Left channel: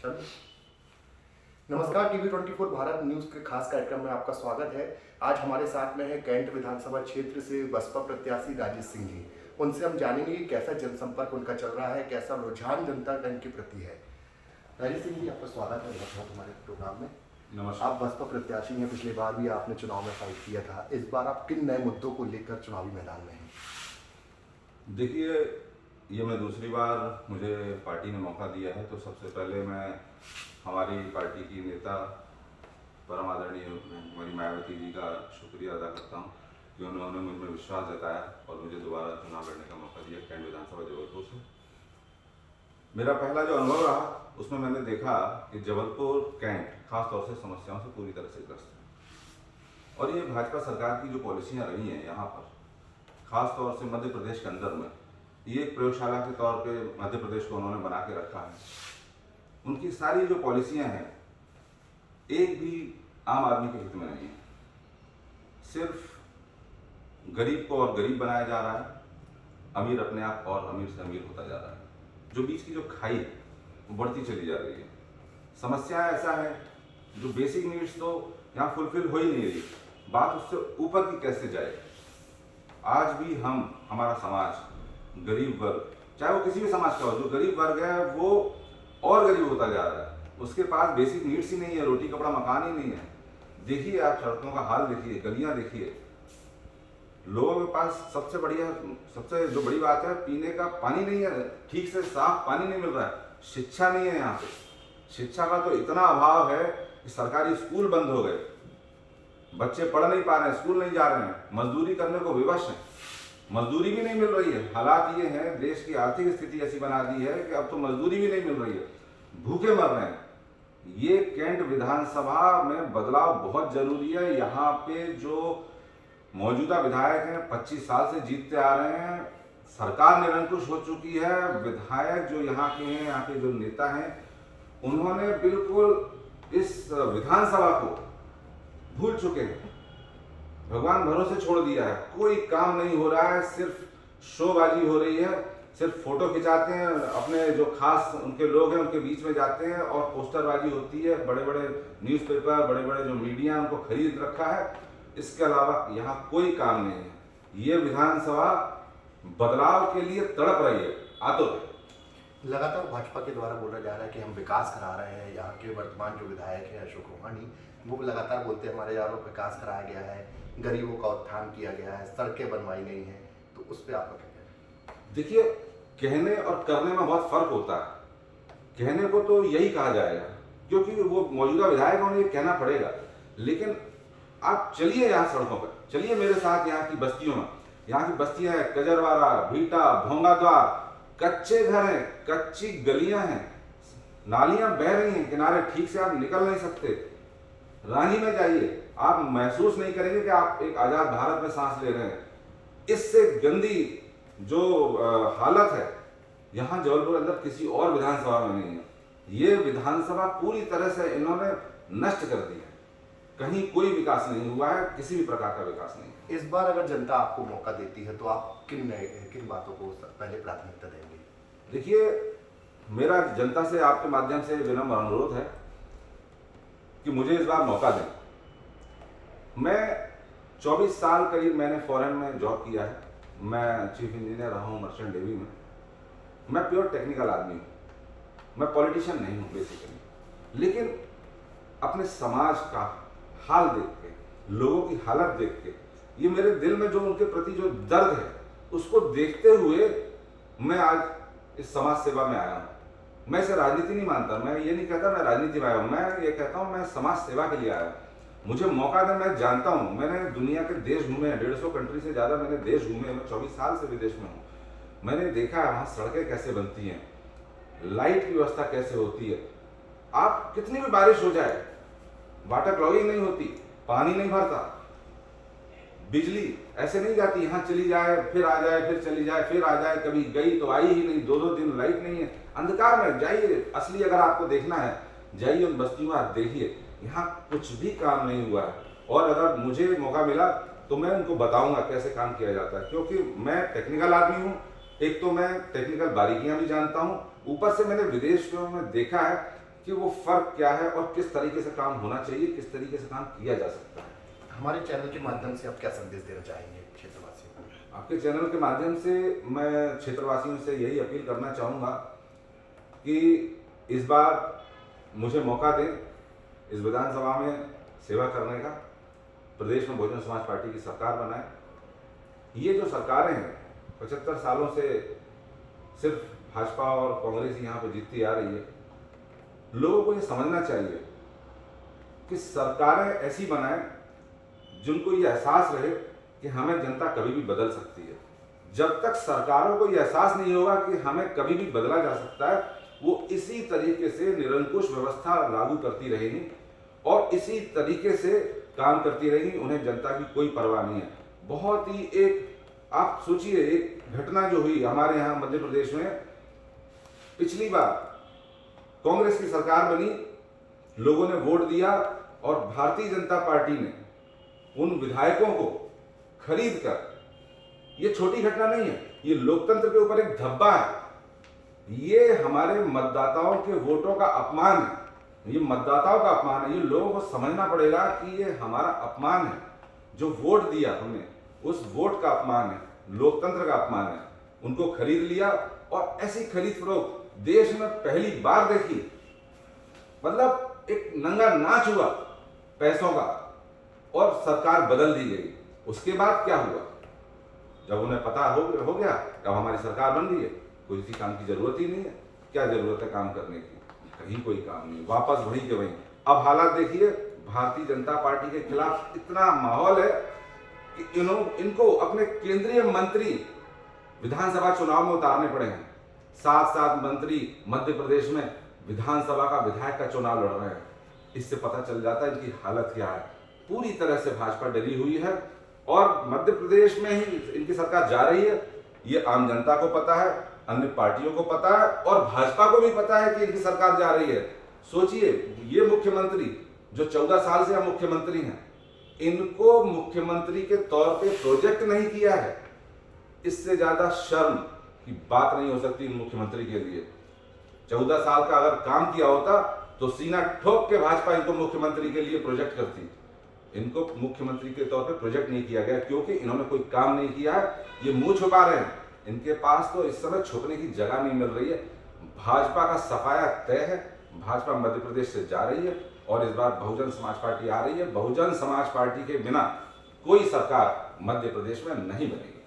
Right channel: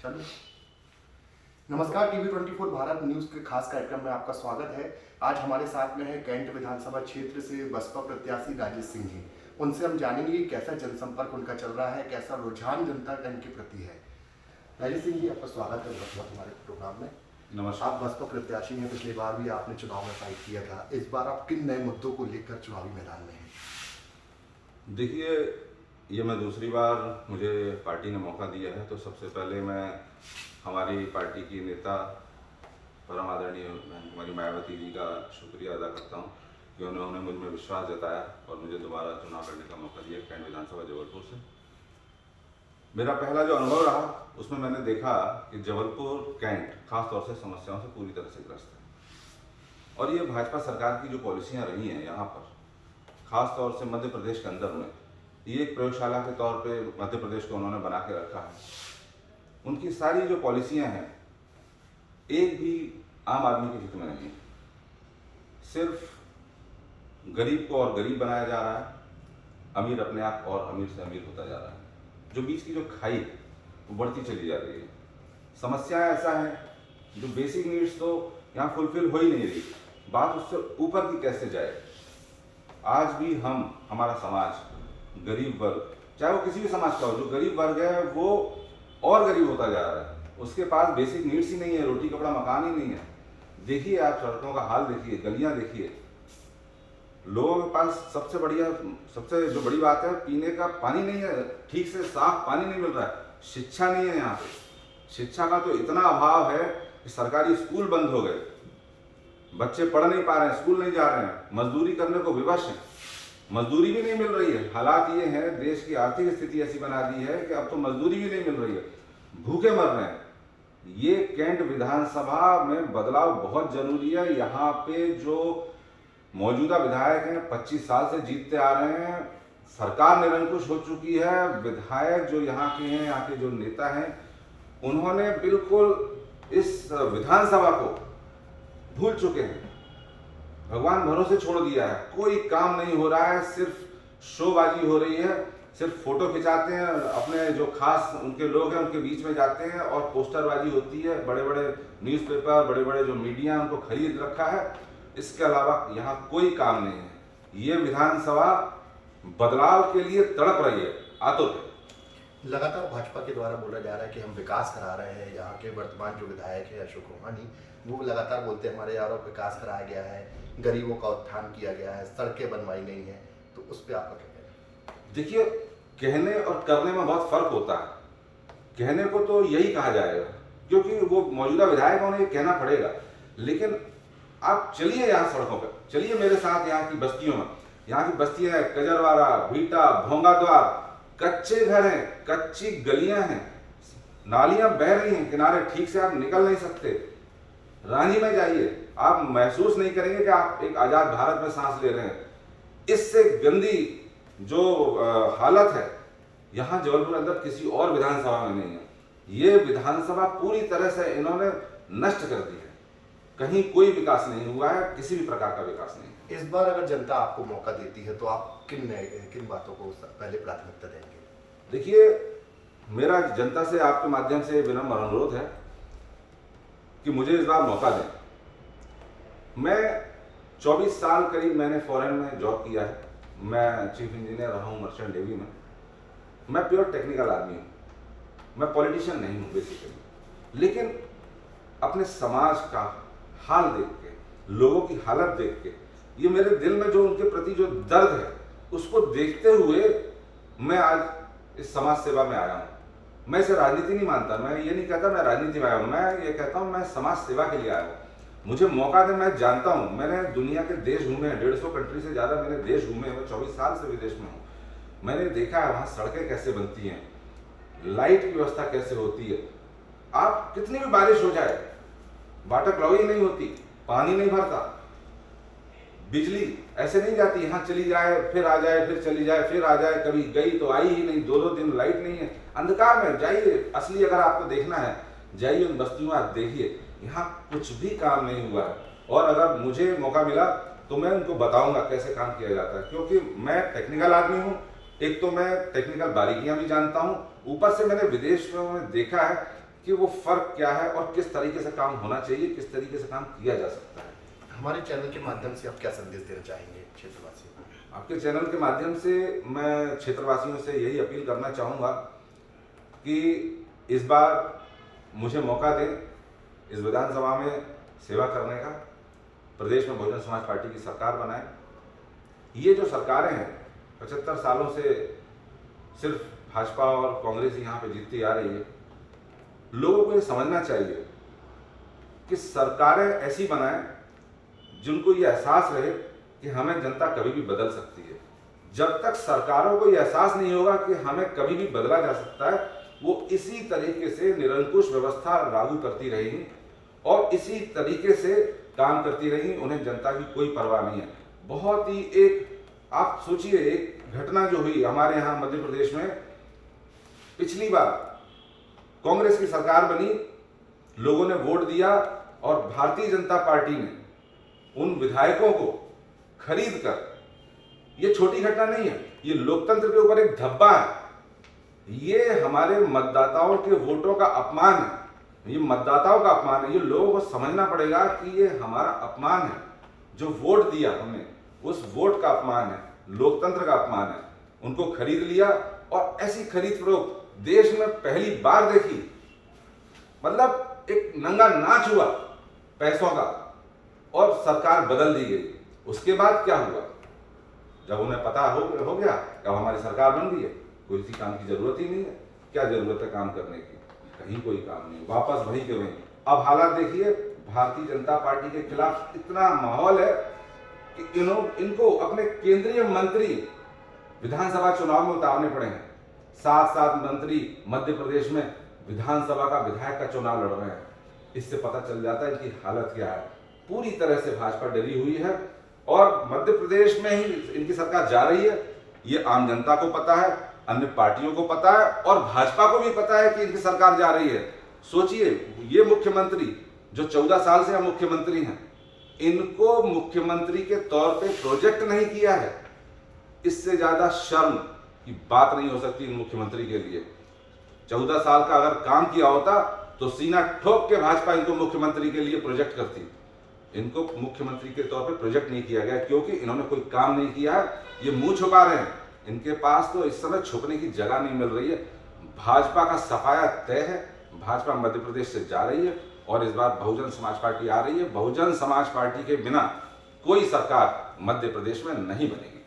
चलिए। नमस्कार, TV 24 Bharat news के खास कार्यक्रम में आपका स्वागत है। आज हमारे साथ में है कैंट विधानसभा क्षेत्र से बसपा प्रत्याशी राजेश सिंह जी। उनसे हम जानेंगे कि कैसा जनसंपर्क उनका चल रहा है, कैसा रुझान जनता का इनके प्रति है। राजेश सिंह जी, आपका स्वागत है बहुत बहुत हमारे प्रोग्राम में। नमस्कार। आप बसपा प्रत्याशी हैं, पिछली बार भी आपने चुनाव में फाइट किया था। इस बार आप किन नए मुद्दों को लेकर चुनावी मैदान में हैं? देखिए, ये मैं दूसरी बार मुझे पार्टी ने मौका दिया है, तो सबसे पहले मैं हमारी पार्टी की नेता परम आदरणीय हमारी मायावती जी का शुक्रिया अदा करता हूँ कि उन्होंने मुझ में विश्वास जताया और मुझे दोबारा चुनाव लड़ने का मौका दिया कैंट विधानसभा जबलपुर से। मेरा पहला जो अनुभव रहा उसमें मैंने देखा कि जबलपुर कैंट खासतौर से समस्याओं से पूरी तरह से ग्रस्त है और ये भाजपा सरकार की जो पॉलिसियाँ रही हैं यहाँ पर, खास तौर से मध्य प्रदेश के अंदर में, ये एक प्रयोगशाला के तौर पे मध्य प्रदेश को उन्होंने बना के रखा है। उनकी सारी जो पॉलिसियां हैं एक भी आम आदमी के हित में नहीं है। सिर्फ गरीब को और गरीब बनाया जा रहा है, अमीर अपने आप और अमीर से अमीर होता जा रहा है। जो बीच की जो खाई है वो बढ़ती चली जा रही है। समस्या ऐसा है जो बेसिक नीड्स तो यहाँ फुलफिल हो ही नहीं रही, बात उससे ऊपर की कैसे जाए। आज भी हमारा समाज गरीब वर्ग, चाहे वो किसी भी समाज का हो, जो गरीब वर्ग है वो और गरीब होता जा रहा है। उसके पास बेसिक नीड्स ही नहीं है, रोटी कपड़ा मकान ही नहीं है। देखिए आप सड़कों का हाल देखिए, गलियां देखिए, लोगों के पास सबसे जो बड़ी बात है, पीने का पानी नहीं है, ठीक से साफ पानी नहीं मिल रहा है। शिक्षा नहीं है यहाँ पे, शिक्षा का तो इतना अभाव है कि सरकारी स्कूल बंद हो गए, बच्चे पढ़ नहीं पा रहे हैं, स्कूल नहीं जा रहे हैं, मजदूरी करने को विवश हैं, मजदूरी भी नहीं मिल रही है। हालात ये हैं, देश की आर्थिक स्थिति ऐसी बना दी है कि अब तो मजदूरी भी नहीं मिल रही है, भूखे मर रहे हैं। ये कैंट विधानसभा में बदलाव बहुत जरूरी है। यहाँ पे जो मौजूदा विधायक हैं 25 साल से जीतते आ रहे हैं, सरकार निरंकुश हो चुकी है। विधायक जो यहाँ के हैं, यहाँ के जो नेता हैं, उन्होंने बिल्कुल इस विधानसभा को भूल चुके हैं, भगवान भरोसे छोड़ दिया है। कोई काम नहीं हो रहा है, सिर्फ शोबाजी हो रही है, सिर्फ फोटो खिंचाते हैं, अपने जो खास उनके लोग हैं उनके बीच में जाते हैं और पोस्टरबाजी होती है। बड़े बड़े न्यूज़पेपर, बड़े बड़े जो मीडिया उनको खरीद रखा है। इसके अलावा यहाँ कोई काम नहीं है। ये विधानसभा बदलाव के लिए तड़प रही है, आतुर है। लगातार भाजपा के द्वारा बोला जा रहा है कि हम विकास करा रहे हैं। यहाँ के वर्तमान जो विधायक है अशोक रोहानी, वो लगातार बोलते हैं हमारे यारों विकास कराया गया है, गरीबों का उत्थान किया गया है, सड़कें बनवाई गई हैं। तो उस पर आपका क्या कहना है? देखिए, कहने और करने में बहुत फर्क होता है। कहने को तो यही कहा जाएगा क्योंकि वो मौजूदा विधायक उन्हें ये कहना पड़ेगा, लेकिन आप चलिए यहाँ सड़कों पर, चलिए मेरे साथ यहाँ की बस्तियों में। यहाँ की बस्तियां हैं कजरवाड़ा, भीटा, भोंगाद्वार, कच्चे घर हैं, कच्ची गलियां हैं, नालियां बह रही हैं किनारे, ठीक से आप निकल नहीं सकते। रांची में जाइए, आप महसूस नहीं करेंगे कि आप एक आजाद भारत में सांस ले रहे हैं। इससे गंदी जो हालत है यहाँ जबलपुर अंदर किसी और विधानसभा में नहीं है। ये विधानसभा पूरी तरह से इन्होंने नष्ट कर दी है। कहीं कोई विकास नहीं हुआ है, किसी भी प्रकार का विकास नहीं है। इस बार अगर जनता आपको मौका देती है तो आप किन बातों को पहले प्राथमिकता देंगे? देखिए, मेरा जनता से आपके माध्यम से विनम्र अनुरोध है कि मुझे इस बार मौका दें। मैं 24 साल करीब मैंने फॉरेन में जॉब किया है। मैं चीफ इंजीनियर रहा हूँ मर्चेंट नेवी में। मैं प्योर टेक्निकल आदमी हूँ, मैं पॉलिटिशियन नहीं हूँ बेसिकली। लेकिन अपने समाज का हाल देख के, लोगों की हालत देख के, ये मेरे दिल में जो उनके प्रति जो दर्द है उसको देखते हुए मैं आज इस समाज सेवा में आया हूँ। मैं इसे राजनीति नहीं मानता, मैं ये नहीं कहता मैं राजनीति में आया हूँ, मैं ये कहता हूँ मैं समाज सेवा के लिए आया हूँ। मुझे मौका दे, मैं जानता हूँ, मैंने दुनिया के देश घूमे हैं, 150 कंट्री से ज़्यादा मैंने देश घूमे हैं। मैं 24 साल से विदेश में हूँ। मैंने देखा है वहाँ सड़कें कैसे बनती हैं, लाइट की व्यवस्था कैसे होती है। आप कितनी भी बारिश हो जाए, वाटर क्लॉगिंग नहीं होती, पानी नहीं भरता, बिजली ऐसे नहीं जाती, यहाँ चली जाए फिर आ जाए, फिर चली जाए फिर आ जाए, कभी गई तो आई ही नहीं, 2-2 दिन लाइट नहीं है, अंधकार में। जाइए, असली अगर आपको देखना है जाइए उन बस्तियों में, आप देखिए यहाँ कुछ भी काम नहीं हुआ है। और अगर मुझे मौका मिला तो मैं उनको बताऊंगा कैसे काम किया जाता है, क्योंकि मैं टेक्निकल आदमी हूँ। एक तो मैं टेक्निकल बारीकियां भी जानता हूँ, ऊपर से मैंने विदेशों में देखा है कि वो फर्क क्या है और किस तरीके से काम होना चाहिए, किस तरीके से काम किया जा सकता है। हमारे चैनल के माध्यम से आप क्या संदेश देना चाहेंगे क्षेत्रवासियों को? आपके चैनल के माध्यम से मैं क्षेत्रवासियों से यही अपील करना चाहूँगा कि इस बार मुझे मौका दें इस विधानसभा में सेवा करने का, प्रदेश में बहुजन समाज पार्टी की सरकार बनाएं। ये जो सरकारें हैं 75 सालों से सिर्फ भाजपा और कांग्रेस ही यहाँ पे जीतती आ रही है। लोगों को ये समझना चाहिए कि सरकारें ऐसी बनाएं जिनको ये एहसास रहे कि हमें जनता कभी भी बदल सकती है। जब तक सरकारों को ये एहसास नहीं होगा कि हमें कभी भी बदला जा सकता है, वो इसी तरीके से निरंकुश व्यवस्था लागू करती रहेंगी और इसी तरीके से काम करती रहेंगी। उन्हें जनता की कोई परवाह नहीं है। बहुत ही एक आप सोचिए, एक घटना जो हुई हमारे यहाँ मध्य प्रदेश में, पिछली बार कांग्रेस की सरकार बनी, लोगों ने वोट दिया और भारतीय जनता पार्टी ने उन विधायकों को खरीद कर, ये छोटी घटना नहीं है, ये लोकतंत्र के ऊपर एक धब्बा है, ये हमारे मतदाताओं के वोटों का अपमान है, ये मतदाताओं का अपमान है। ये लोगों को समझना पड़ेगा कि ये हमारा अपमान है। जो वोट दिया हमने, उस वोट का अपमान है, लोकतंत्र का अपमान है। उनको खरीद लिया और ऐसी खरीद फरोख्त देश में पहली बार देखी। मतलब एक नंगा नाच हुआ पैसों का और सरकार बदल दी गई। उसके बाद क्या हुआ? जब उन्हें पता हो गया कि अब हमारी सरकार बन गई है, कोई सी काम की जरूरत ही नहीं है। क्या जरूरत है काम करने की? कहीं कोई काम नहीं, वापस वहीं के वहीं। अब हालात देखिए, भारतीय जनता पार्टी के खिलाफ इतना माहौल है कि इनको अपने केंद्रीय मंत्री विधानसभा चुनाव में उतारने पड़े हैं। 7 मंत्री मध्य प्रदेश में विधानसभा का विधायक का चुनाव लड़ रहे हैं। इससे पता चल जाता है इनकी हालत क्या है। पूरी तरह से भाजपा डरी हुई है और मध्य प्रदेश में ही इनकी सरकार जा रही है। ये आम जनता को पता है, अन्य पार्टियों को पता है और भाजपा को भी पता है कि इनकी सरकार जा रही है। सोचिए, ये मुख्यमंत्री जो 14 साल से हम मुख्यमंत्री हैं, इनको मुख्यमंत्री के तौर पे प्रोजेक्ट नहीं किया है। इससे ज्यादा शर्म की बात नहीं हो सकती इन मुख्यमंत्री के लिए। 14 साल का अगर काम किया होता तो सीना ठोक के भाजपा इनको मुख्यमंत्री के लिए प्रोजेक्ट करती। इनको मुख्यमंत्री के तौर पे प्रोजेक्ट नहीं किया गया क्योंकि इन्होंने कोई काम नहीं किया है। ये मुंह छुपा रहे हैं। इनके पास तो इस समय छुपने की जगह नहीं मिल रही है। भाजपा का सफाया तय है। भाजपा मध्य प्रदेश से जा रही है और इस बार बहुजन समाज पार्टी आ रही है। बहुजन समाज पार्टी के बिना कोई सरकार मध्य प्रदेश में नहीं बनेगी।